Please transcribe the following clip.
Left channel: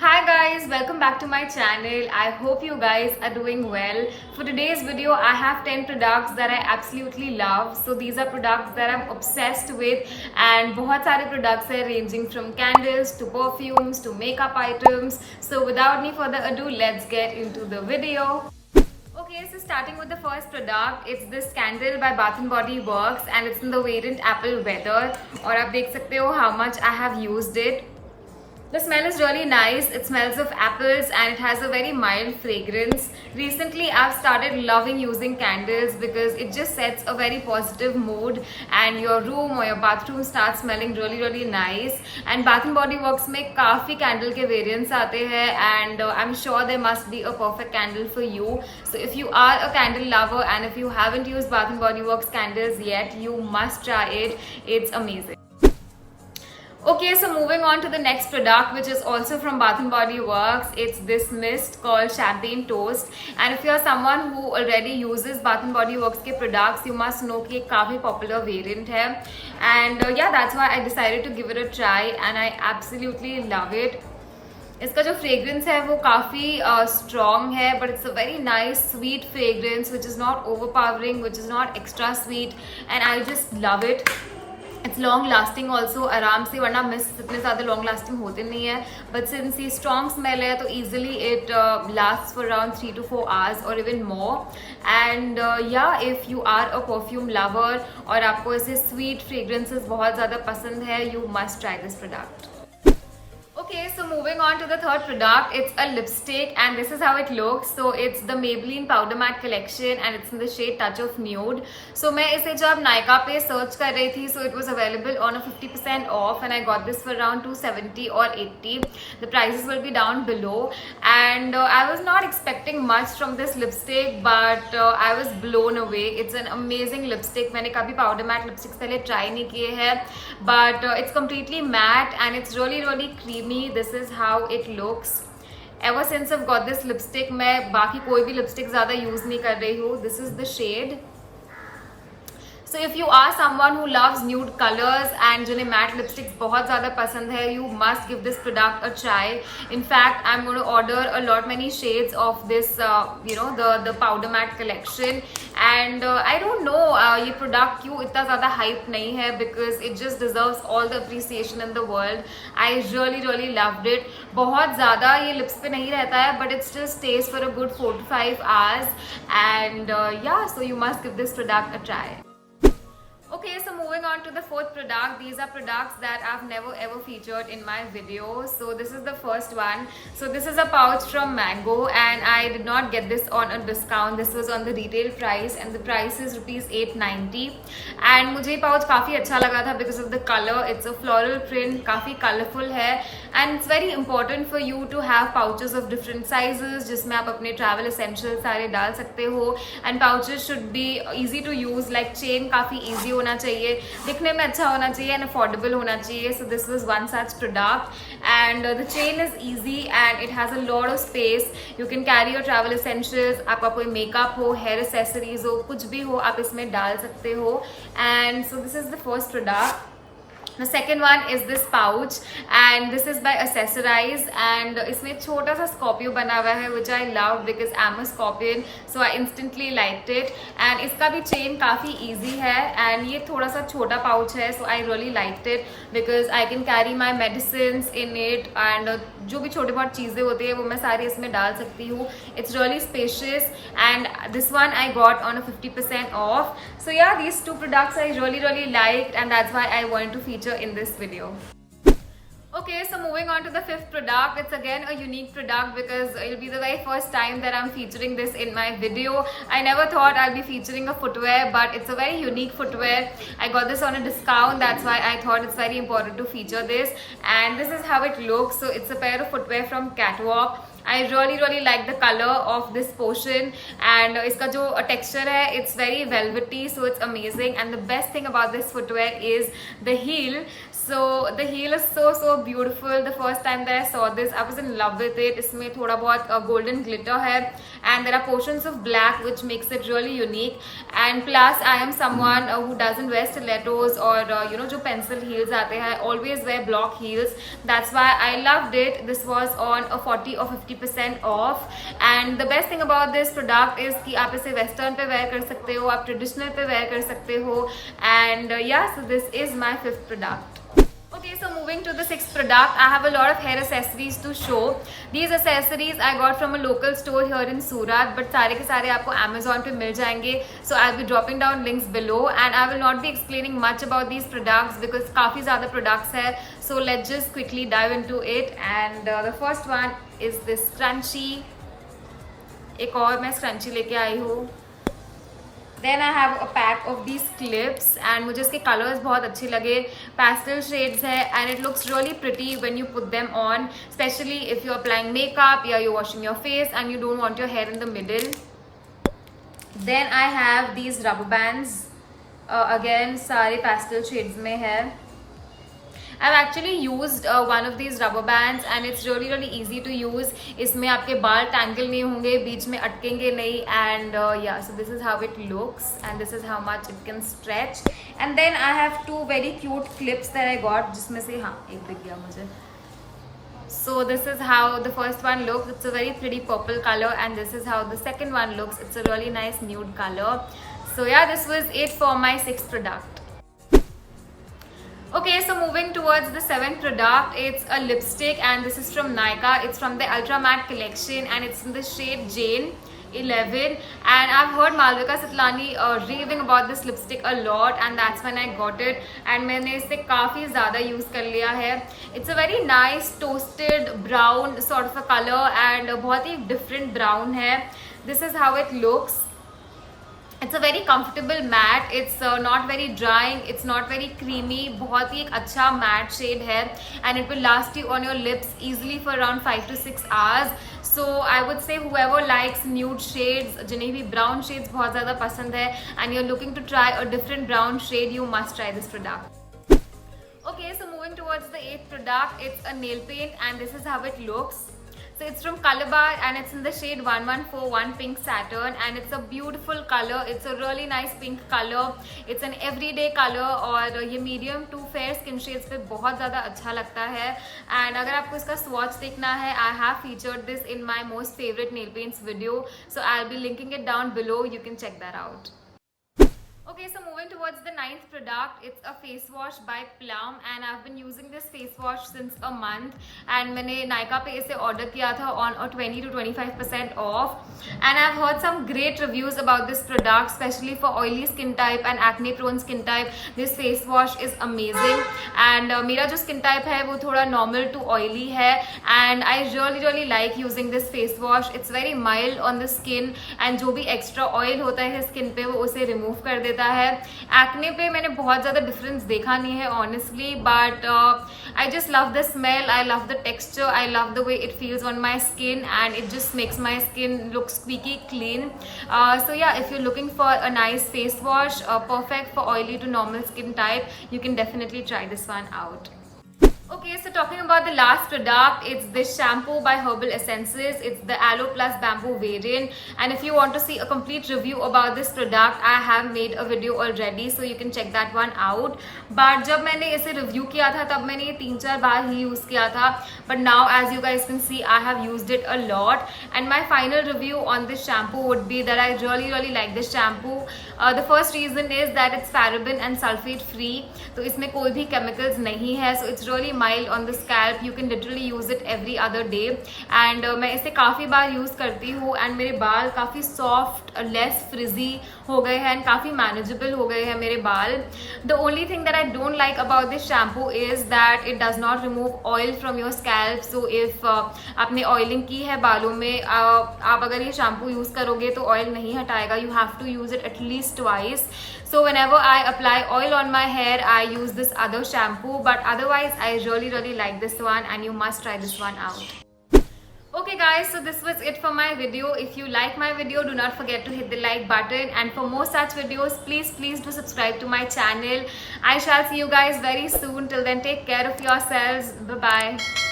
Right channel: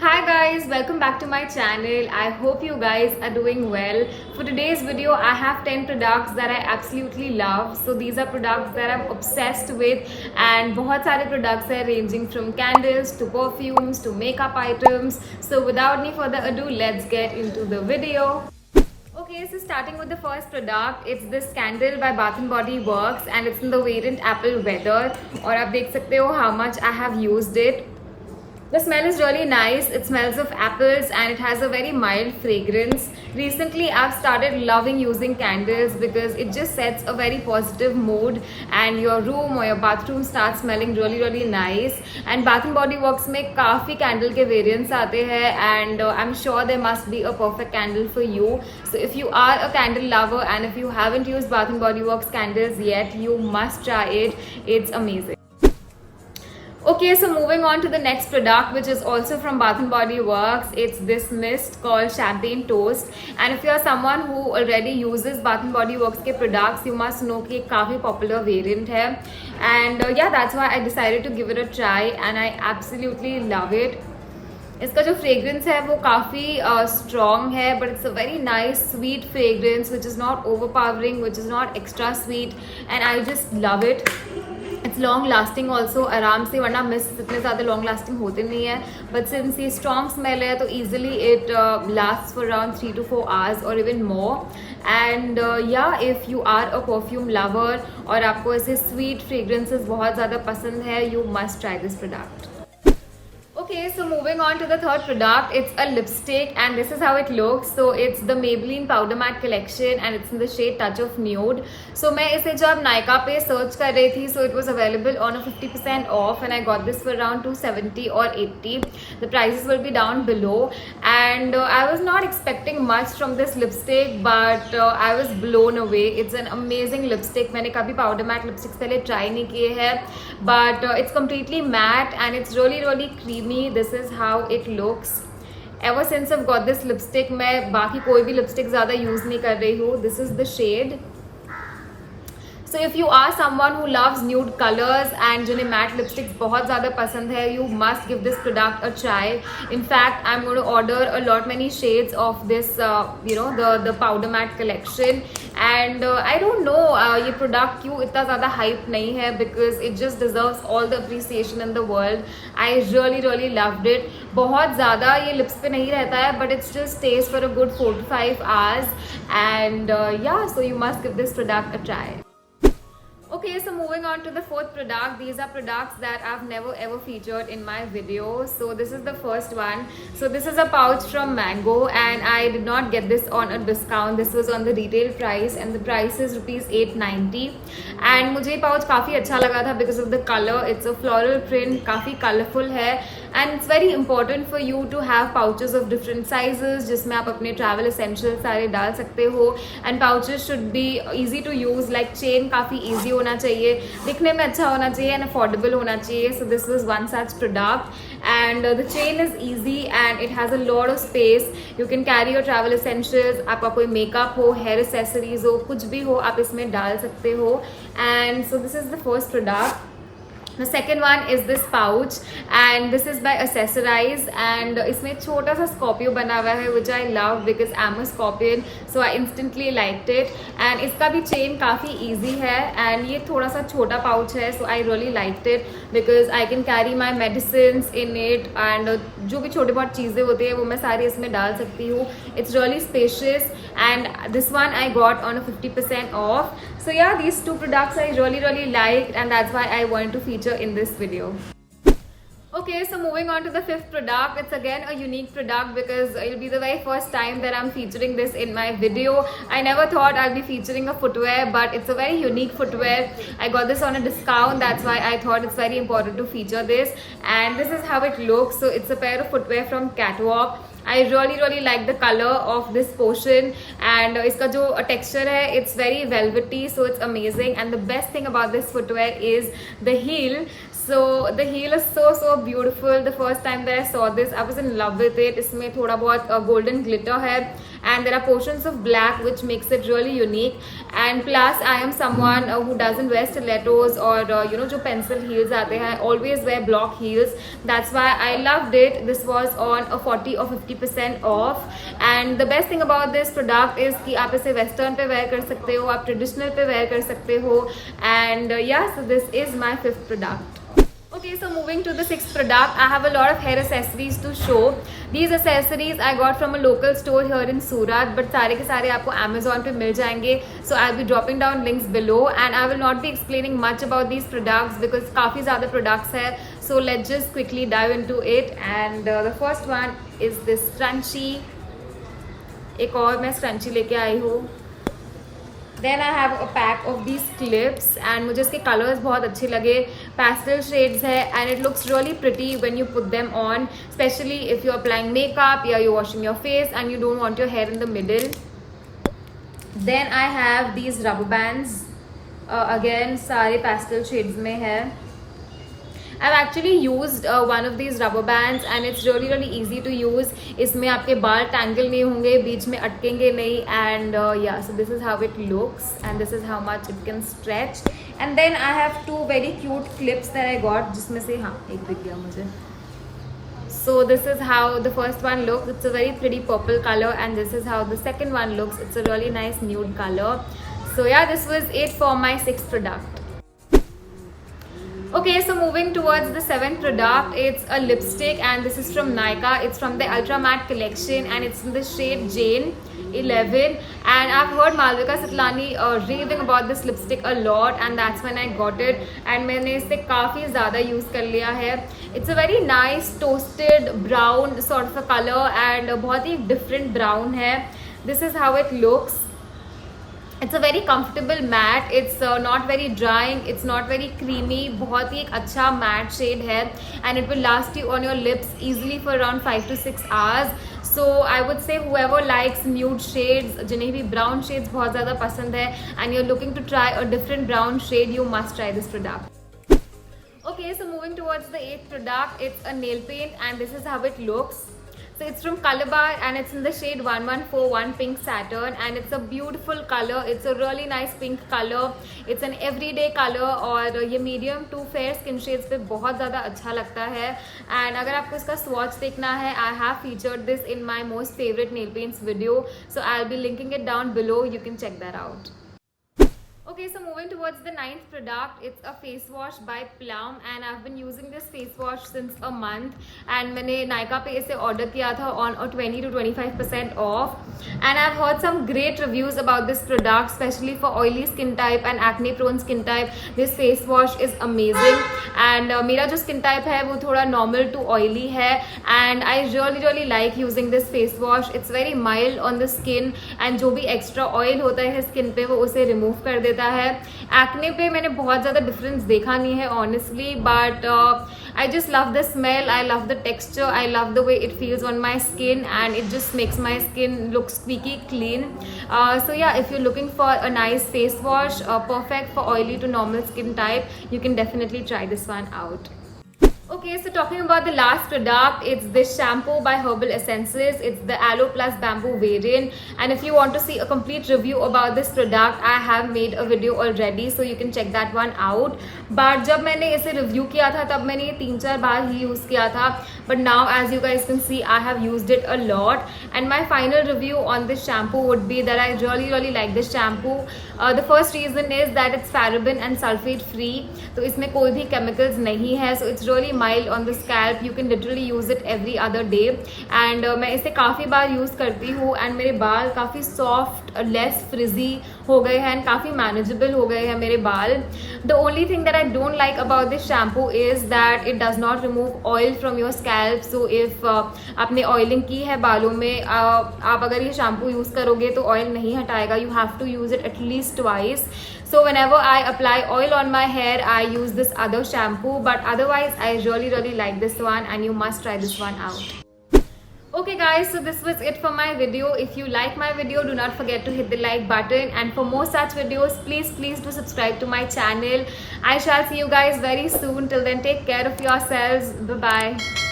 Hi guys, welcome back to my channel. I hope you guys are doing well. For today's video, I have 10 products that I absolutely love. So these are products that I'm obsessed with and बहुत सारे products are ranging from candles to perfumes to makeup items. So without any further ado, let's get into the video. Okay, so starting with the first product, it's this candle by Bath and Body Works and it's in the variant Apple Weather. और आप देख सकते हो how much I have used it. The smell is really nice. It smells of apples and it has a very mild fragrance. Recently, I've started loving using candles because it just sets a very positive mood and your room or your bathroom starts smelling really nice. And Bath and Body Works में काफी candle के variants आते हैं and I'm sure there must be a perfect candle for you. So if you are a candle lover and if you haven't used Bath and Body Works candles yet, you must try it. It's amazing. Okay, so moving on to the next product, which is also from Bath and Body Works. It's this mist called Champagne Toast. And if you're someone who already uses Bath and Body Works के products, you must know कि एक काफी popular variant है. And yeah, that's why I decided to give it a try, and I absolutely love it. इसका जो fragrance है वो काफ़ी स्ट्रॉन्ग है but it's a very nice sweet fragrance which is not overpowering which is not extra sweet and I just love it. It's long lasting also आराम से, वरना mist इतने ज़्यादा लॉन्ग लास्टिंग होते नहीं है बट सिंस ये स्ट्रॉन्ग स्मेल है तो easily it last for around 3 to 4 hours और इवन मोर. एंड या if you are a perfume lover और आपको ऐसे स्वीट फ्रेग्रेंसेस बहुत ज़्यादा पसंद है, you must try this product. Okay, so moving on to the third product, it's a lipstick and this is how it looks. So it's the Maybelline Powder Matte collection and it's in the shade Touch of Nude. So मैं इसे जब Nykaa पे search कर रही थी, so it was available on a 50% off and I got this for around 270 or 80. The prices will be down below and I was not expecting much from this lipstick but I was blown away. It's an amazing lipstick. मैंने कभी powder matte lipsticks पहले try नहीं किए हैं but it's completely matte and it's really creamy. This is how it looks. Ever since I've got this lipstick, मैं बाकी कोई भी lipstick ज़्यादा use नहीं कर रही हूँ. This is the shade. So if you are someone who loves nude colors and जिन्हें matte lipsticks बहुत ज़्यादा पसंद है, you must give this product a try. In fact, I'm going to order a lot many shades of this, the powder matte collection. And I don't know ये product क्यों इतना ज़्यादा hype नहीं है because it just deserves all the appreciation in the world. I really loved it. बहुत ज़्यादा ये lips पे नहीं रहता है but it just stays for a good 4 to 5 hours. And yeah, so you must give this product a try. Okay, so moving on to the fourth product. These are products that I've never ever featured in my videos. So this is the first one. So this is a pouch from Mango and I did not get this on a discount. This was on the retail price and the price is rupees 890. And मुझे pouch काफ़ी अच्छा लगा था because of the color. It's a floral print, काफ़ी colorful है and it's very important for you to have pouches of different sizes जिसमें आप अपने travel essentials सारे डाल सकते हो. And pouches should be easy to use, like chain काफ़ी easy होना चाहिए, दिखने में अच्छा होना चाहिए and affordable होना चाहिए. So this was one such product and the chain is easy and it has a lot of space. You can carry your travel essentials. आपका कोई makeup हो, hair accessories हो, कुछ भी हो आप इसमें डाल सकते हो. And so this is the first product. The second one is this pouch and this is by Accessorize and इसमें छोटा सा स्कॉर्पियो बना हुआ है which I love because I'm a scorpion, so I instantly liked it. And इसका भी chain काफ़ी easy है and ये थोड़ा सा छोटा pouch है, so I really liked it because I can carry my medicines in it and जो भी छोटी बहुत चीज़ें होती है वो मैं सारी इसमें डाल सकती हूँ. It's really spacious and this one I got on a 50% off. So yeah, these two products I really liked and that's why I wanted to feature in this video. Okay, so moving on to the fifth product. It's again a unique product because it'll be the very first time that I'm featuring this in my video. I never thought I'll be featuring a footwear, but it's a very unique footwear. I got this on a discount, that's why I thought it's very important to feature this. And this is how it looks. So it's a pair of footwear from Catwalk. I really like the color of this portion and इसका जो texture है it's very velvety, so it's amazing. And the best thing about this footwear is the heel. So the heel is so beautiful. The first time that I saw this, I was in love with it. इसमें थोड़ा बहुत golden glitter है, and there are portions of black which makes it really unique. And plus, I am someone who doesn't wear stilettos or जो pencil heels आते हैं. I always wear block heels. That's why I loved it. This was on a 40 or 50% off. And the best thing about this product is कि आप इसे western पे wear कर सकते हो, आप traditional पे wear कर सकते हो. And yeah, so this is my 5th product. Okay, so moving to the 6th product, I have a lot of hair accessories to show. These accessories I got from a local store here in Surat, but सारे के सारे आपको Amazon पे मिल जाएंगे. So I'll be dropping down links below, and I will not be explaining much about these products because काफी ज़्यादा products है. So let's just quickly dive into it. And the first one is this scrunchie. एक और मैं scrunchie लेके आई हूँ. Then I have a pack of these clips, and मुझे इसके colors बहुत अच्छे लगे. Pastel shades है, and it looks really pretty when you put them on, especially if you're applying makeup or you're washing your face and you don't want your hair in the middle. Then I have these rubber bands. Again सारे pastel shades में है. I've actually used one of these rubber bands and it's really easy to use. इसमें आपके बाल tangle नहीं होंगे, बीच में अटकेंगे नहीं. And yeah, so this is how it looks, and this is how much it can stretch. And then I have 2 very cute clips that I got, जिसमें से हाँ एक दिख गया मुझे. So this is how the first one looks. It's a very pretty purple color, and this is how the second one looks. It's a really nice nude color. So yeah, this was it for my 6th product. Okay, so moving towards the 7th product, it's a lipstick, and this is from Nykaa. It's from the Ultra Matte collection, and it's in the shade Jane 11. And I've heard Malvika Sitlani raving about this lipstick a lot, and that's when I got it. And मैंने इसे काफी ज़्यादा use कर लिया है. It's a very nice toasted brown sort of a color, and बहुत ही different brown है. This is how it looks. It's a very comfortable matte. It's not very drying. It's not very creamy. बहुत ही एक अच्छा matte shade है, and it will last you on your lips easily for around 5 to 6 hours. So I would say whoever likes nude shades, जिन्हें भी brown shades बहुत ज़्यादा पसंद है, and you're looking to try a different brown shade, you must try this product. Okay, so moving towards the 8th product, it's a nail paint, and this is how it looks. So it's from Colorbar, and it's in the shade 1141 Pink Saturn, and it's a beautiful color. It's a really nice pink color. It's an everyday color, और ये medium to fair skin shades पे बहुत ज़्यादा अच्छा लगता है. And अगर आपको इसका swatch देखना है, I have featured this in my most favorite nail paints video. So I'll be linking it down below. You can check that out. Okay, so moving towards the 9th product, it's a face wash by Plum, and I've been using this face wash since a month, and मैंने Nykaa पे इसे order किया था on a 20 to 25% off, and I've heard some great reviews about this product, especially for oily skin type and acne prone skin type. This face wash is amazing, and मेरा जो skin type है वो थोड़ा normal to oily है, and I really like using this face wash. It's very mild on the skin, and जो भी extra oil होता है skin पे वो उसे remove कर देता है. एक्ने पे मैंने बहुत ज़्यादा डिफरेंस देखा नहीं है honestly, but I just love the smell, I love the texture, I love the way it feels on my skin, and it just makes my skin look squeaky clean. So yeah, if you're looking for a nice face wash, perfect for oily to normal skin type, you can definitely try this one out. Okay, so talking about the last product, it's this shampoo by Herbal Essences. It's the Aloe Plus Bamboo variant, and if you want to see a complete review about this product, I have made a video already, so you can check that one out. But जब मैंने इसे review किया था तब मैंने ये 3-4 बार ही use किया था, but now as you guys can see, I have used it a lot, and my final review on this shampoo would be that I really like this shampoo. The first reason is that it's paraben and sulfate free, तो इसमें कोई भी chemicals नहीं है, so it's really mild on the scalp. You can literally use it every other day, and मैं इसे काफ़ी बार use करती हूँ, and मेरे बाल काफ़ी soft, less frizzy हो गए हैं, and काफ़ी manageable हो गए हैं मेरे बाल. The only thing that I don't like about this shampoo is that it does not remove oil from your scalp. So if आपने oiling की है बालों में, आप अगर ये shampoo use करोगे तो oil नहीं हटाएगा. You have to use it at least twice. So whenever I apply oil on my hair, I use this other shampoo. But otherwise, I really like this one, and you must try this one out. Okay guys, so this was it for my video. If you like my video, do not forget to hit the like button, and for more such videos, please do subscribe to my channel. I shall see you guys very soon. Till then, take care of yourselves. Bye bye.